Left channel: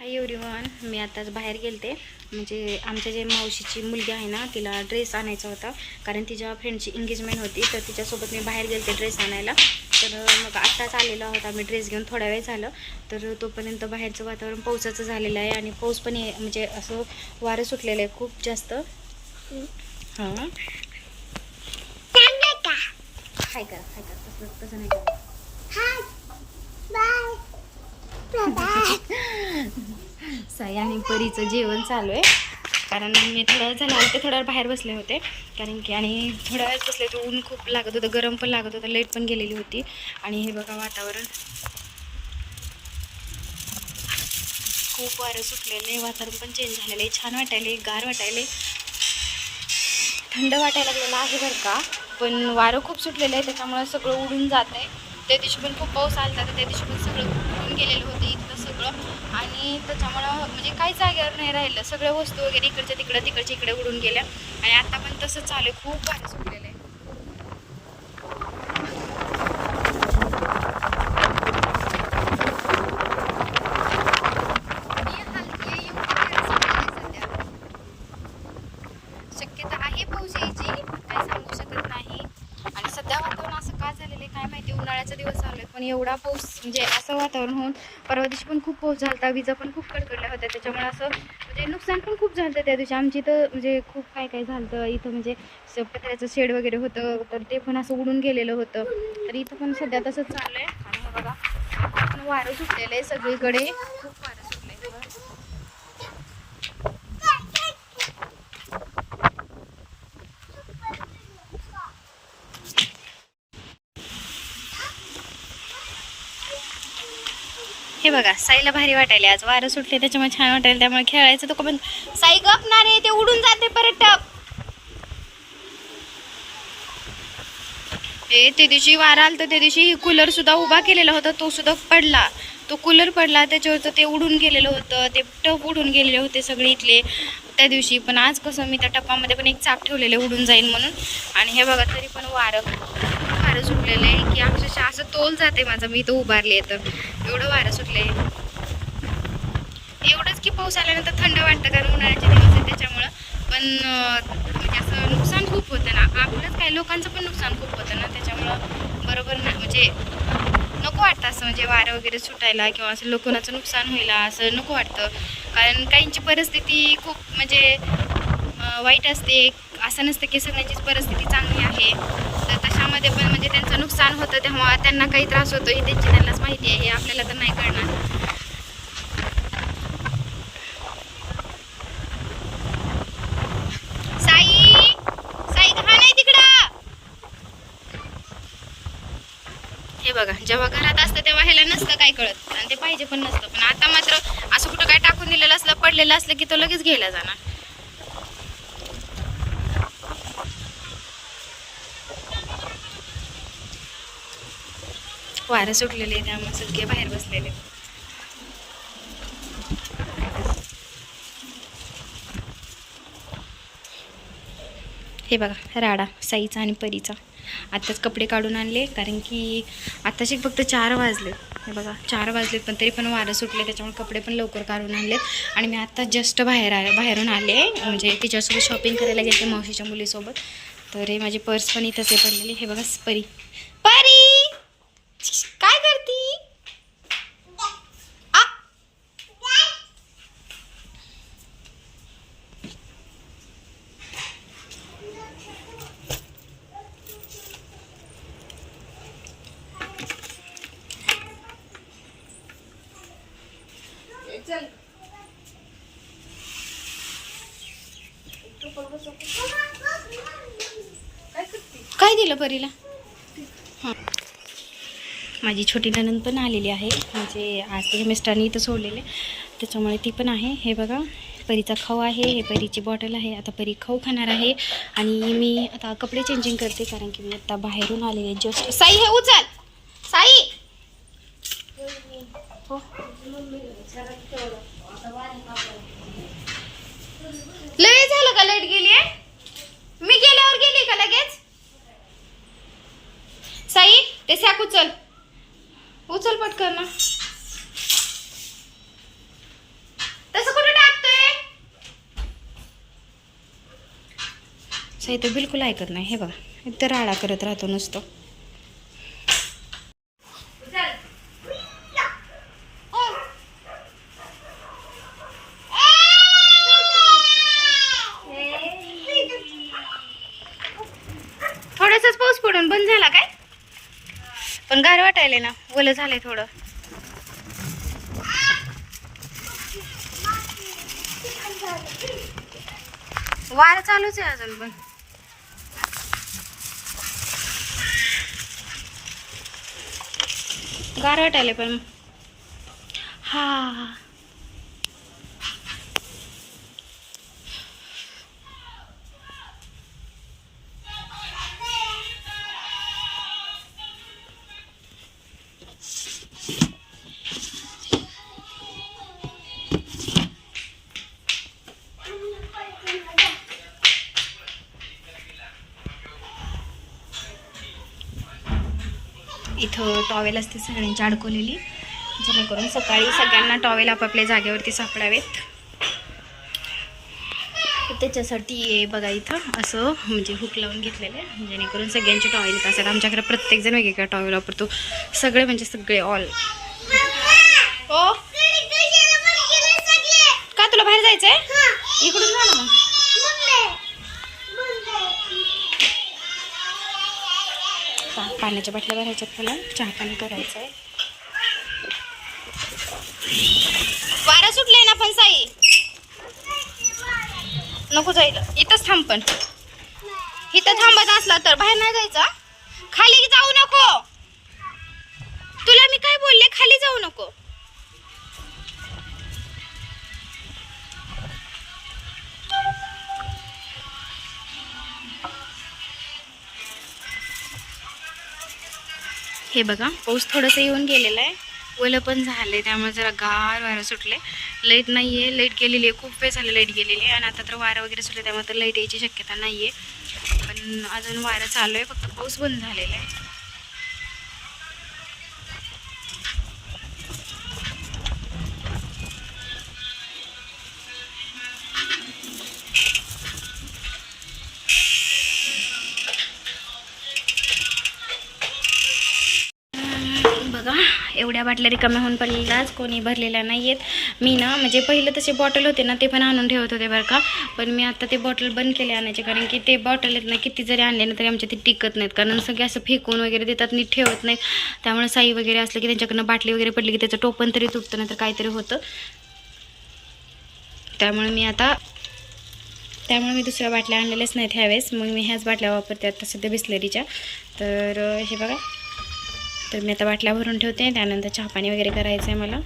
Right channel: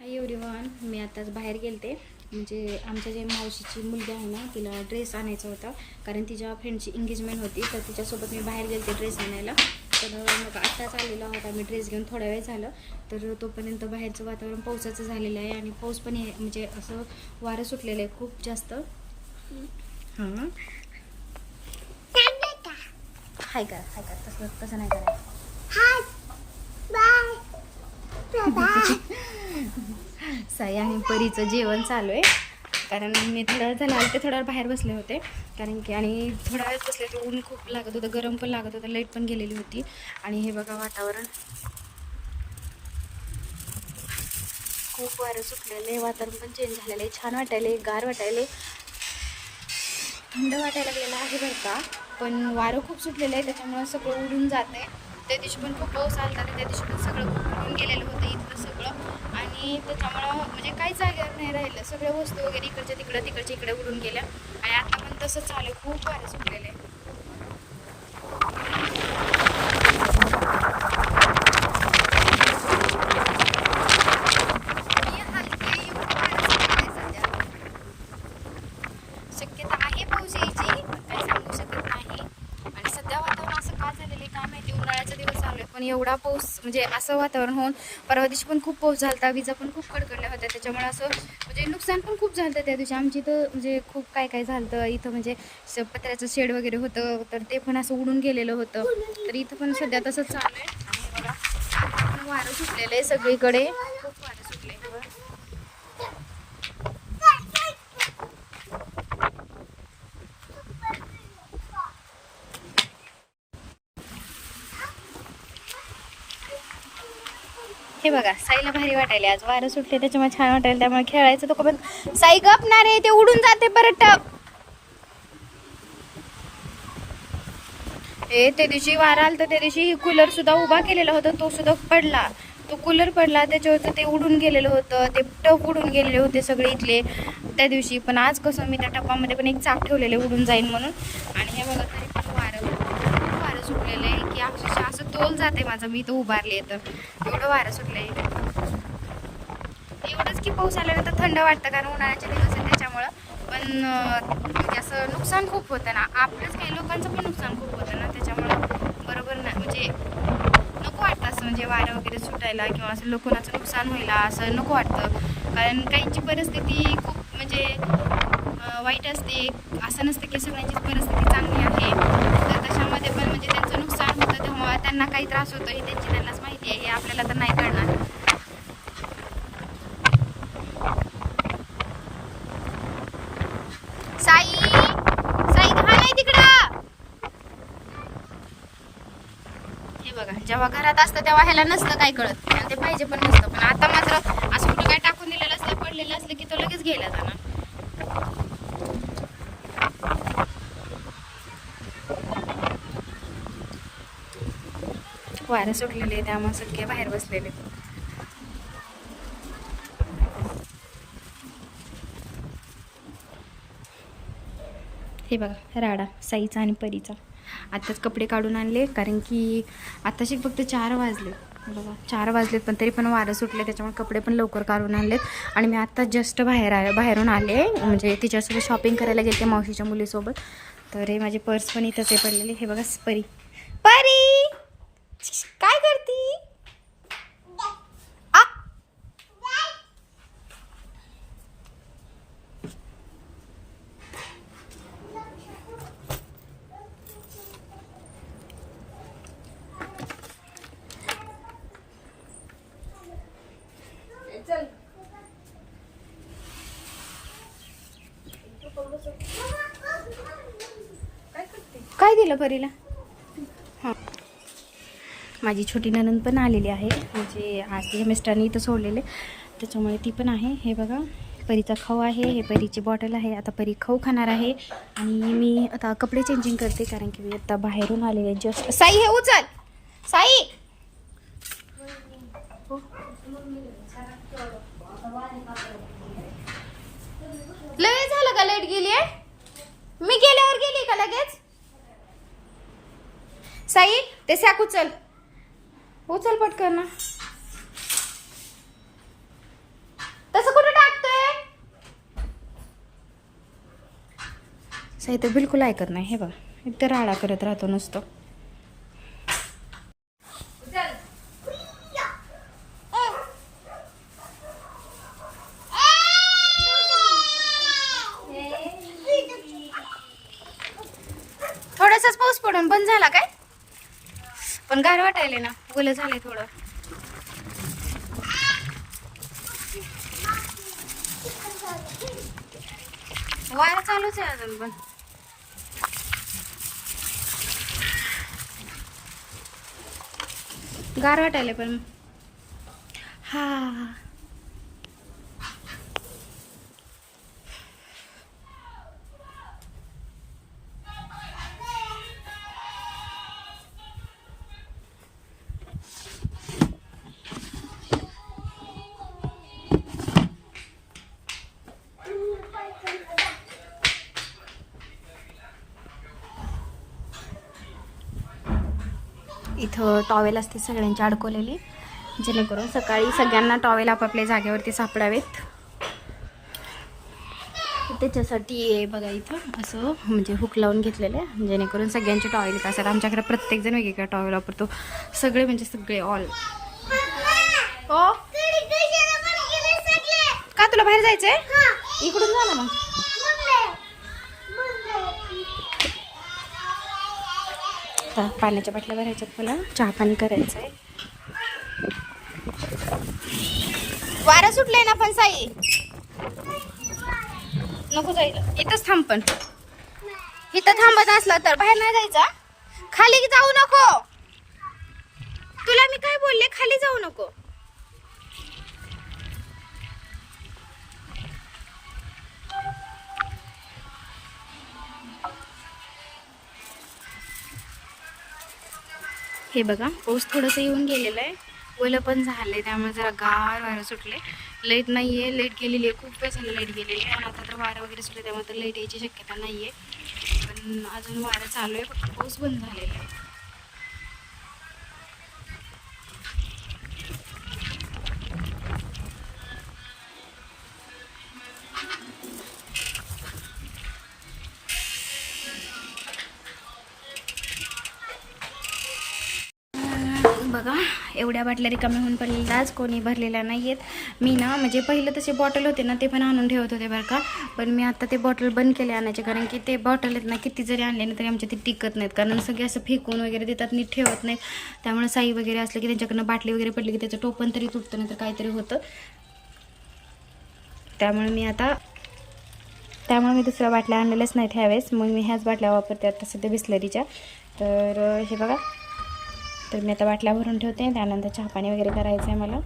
Hi everyone मी आताच बाहेर गेलते. म्हणजे आमच्या जे मावशीची मुलगी आहे ना तिला ड्रेस आणायचा होता. कारण तिच्या फ्रेंडची एंगेजमेंट होती तर तिच्यासोबत मी बाहेर गेलते ड्रेस आणायला. तर मग आत्ताच आलेला होता मी ड्रेस घेऊन थोडा वेळ झालं. तर तोपर्यंत बाहेरचं वातावरण पावसाचं झालेलं आहे आणि पाऊस पण म्हणजे असं वारं सुटलेलं आहे खूप जास्त. हां. हाय का? हाय का? तसं तसं नाही करायचं. साई आणि परीचं जेवण चालू आहे. कारण मी थोड्या वेळ झाला आले ते थोड्या वेळ बाहेर बसले होते. कारण की आणि थोड्या वेळ बसले तर ऊन खूप लागत होतं गरम पण लागत होतं लाइट पण गेलेली होती. आणि हे बघा वातावरण. खूप वारं सुटलेलं आहे वातावरण पण चेंज झालेलं आहे. छान वाटायले गार वाटायले थंड वाटायला लागलेलं आहे बरं का. पण वारं खूप सुटलेलं आहे त्याच्यामुळं सगळं उडून जात आहे त्या दिवशी पण खूप पाऊस आला होता त्या दिवशी पण सगळं खूप केलेलं होतं इथलं सगळं. आणि त्याच्यामुळं म्हणजे काही जागेवर नाही राहिलं. सगळ्या वस्तू वगैरे इकडच्या तिकडं तिकडच्या इकडे उडून गेल्या. आणि आता पण तसं चालू आहे. खूप वारं सुटलेलं आहे मी हलके येऊन सध्या. शक्यता आहे पाऊस यायची पण काही सांगू शकत नाही आणि सध्या वातावरण असं का झालेलं आहे काय माहिती उन्हाळ्याचा दिवस चालू आहे पण एवढा पाऊस म्हणजे असं वातावरण होऊन परवा दिवशी पण खूप पाऊस झाला होता विजा पण खूप कडकडल्या होत्या त्याच्यामुळे असं म्हणजे नुकसान पण खूप झालं त्या दिवशी. आमची इथं म्हणजे खूप काय काय झालं इथं म्हणजे पत्र्याचं शेड वगैरे होतं तर ते पण असं उडून गेलेलं होतं. तर इथं पण सध्या तसंच चाललं आहे. आणि बघा पण वारं सुटलेलं आहे सगळीकडे खूप वारं सुटले हे बघा साईला भारी वाटायले. आज वारं सुटले त्याच्यामुळे छान वाटायला. त्यामुळे खेळायचं तो पण साई गपणार आहे ते उडून जाते परत. टप ए त्या दिवशी वारा तर त्या दिवशी कूलर सुद्धा उभा केलेला होता तो सुद्धा पडला. तो कूलर पडला त्याच्यावर ते उडून गेलेलं होतं ते टप उडून गेलेले होते सगळे इथले. त्या दिवशी पण आज कसं मी त्या टपामध्ये पण एक चाक ठेवलेले उडून जाईन म्हणून. आणि हे बघा तरी पण वारं. वारं सुटलेलं आहे की अक्षरशः असं तोल जाते माझं. मी इथं उभारले तर. एवढं वारं सुटलंय. एवढंच की पाऊस आल्यानंतर थंड वाटतं कारण उन्हाळ्याचे दिवस आहे त्याच्यामुळं. पण म्हणजे असं नुकसान खूप होतं ना. आपलंच काही लोकांचं पण नुकसान खूप होतं ना. त्याच्यामुळं बरोबर ना म्हणजे नको वाटतं असं म्हणजे वारं वगैरे सुटायला किंवा असं लोकांचं नुकसान होईल असं नको वाटतं. कारण काहींची परिस्थिती खूप म्हणजे वाईट असते. असं नसतं की सगळ्यांचीच परिस्थिती चांगली आहे. मध्ये पण म्हणजे त्यांचं नुकसान होतं तेव्हा त्यांना काही त्रास होतो हे त्यांची त्यांनाच माहिती आहे हे आपल्याला तर नाही कळणार. साई! हे बघा जेव्हा घरात असतं तेव्हा ह्याला नसतं काय कळत. आणि ते पाहिजे पण नसतं. पण आता मात्र असं कुठं काय टाकून दिलेलं असलं पडलेलं असलं की तो लगेच घ्यायला जाणार. वारं सुटलेले त्यामुळे सगळे बाहेर बसलेले हे बघा राडा साईचा आणि परीचा. आत्ताच कपडे काढून आणले कारण की आत्ताचे फक्त चार वाजले. हे बघा चार वाजलेत पण तरी पण वारं सुटले त्याच्यामुळे कपडे पण लवकर काढून आणलेत. आणि मी आत्ता जस्ट बाहेर आले बाहेरून आले म्हणजे तिच्यासोबत शॉपिंग करायला गेले मावशीच्या मुलीसोबत. तर हे माझे पर्स पण इथंच पडलेले. हे बघा परी. परी! काय करती? आ? काय दिलं परीला? माझी छोटी ननंद पण आलेली आहे. म्हणजे आज तिच्या मिस्टरांनी इथं सोडलेले. त्याच्यामुळे ती पण आहे. हे बघा परीचा खाऊ आहे. हे परीची बॉटल आहे. आता परी खाऊ खाणार आहे. आणि मी आता कपडे चेंजिंग करते कारण की मी आता बाहेरून आलेले जस्ट साई हे उचल! साई! हो लय झालं का लाइट गेली आहे? मी गेल्यावर गेली का लगेच? साई ते सॅक उचल. हो, उचल पटकन तसं कुठे टाकतोय? ते बिलकुल ऐकत नाही हे बघा. इतर राडा करत राहतो नुसतो. थोडासाच पाऊस पडून बंद झाला काय? पण गार वाटायला ना. ओलं झालंय थोडं. वारा चालूच आहे अजून पण. गार वाटायला पण. हा. इथं टॉवेल असते सगळ्यांची अडकवलेली. जेणेकरून सकाळी सगळ्यांना टॉवेल आपापल्या जागेवरती सापडावेत. त्याच्यासाठी हे बघा इथं असं म्हणजे हुक लावून घेतलेलं आहे. जेणेकरून सगळ्यांचे टॉवेल येत असतात आमच्याकडे प्रत्येकजण वेगवेगळा टॉवेल वापरतो. सगळे म्हणजे सगळे ऑल हो? का तुला बाहेर जायचंय? इकडून जा ना मग. पाण्याच्या बाटल्या भरायच्यात मला चहा पाणी करायचं आहे वारा सुटलंय ना पण साई. नको जायला इथंच थांब पण. इथं थांबत असला तर बाहेर नाही जायचा खाली जाऊ नको. तुला मी काय बोलले? खाली जाऊ नको. हे बघा पाऊस थोडंसं येऊन गेलेलं आहे. ओलं पण झालंय त्यामुळे जरा गार वारं सुटले. लाइट नाही आहे लाइट गेलेली आहे खूप वेळ झालं लाइट गेलेली आहे. आणि आता तर वारं वगैरे सुटले त्यामुळे तर लाइट यायची शक्यता नाही आहे पण अजून वारं चालू आहे फक्त पाऊस बंद झालेला आहे. बघा एवढ्या बाटल्या रिकाम्या होऊन पडलेल्या आज कोणी भरलेल्या नाही आहेत मी ना म्हणजे पहिलं तसे बॉटल होते ना ते पण आणून ठेवत होते बरं का. पण मी आता ते बॉटल बंद केले आणायचे कारण की ते बॉटल आहेत ना किती जरी आणले ना तरी आमच्या ते टिकत नाहीत. कारण सगळे असं फेकून वगैरे देतात नीट ठेवत नाहीत. त्यामुळे साई वगैरे असलं की त्यांच्याकडनं बाटली वगैरे पडली की त्याचं टोपण तरी तुटतं नाही तर काहीतरी होतं. त्यामुळे मी आता त्यामुळे मी दुसऱ्या बाटल्या आणलेल्याच नाहीत ह्यावेळेस. मग मी ह्याच बाटल्या वापरते आता सध्या बिस्लरीच्या. तर हे बघा. तर मी आता बाटल्या भरून ठेवते. त्यानंतर चहा पाणी वगैरे करायचं आहे मला.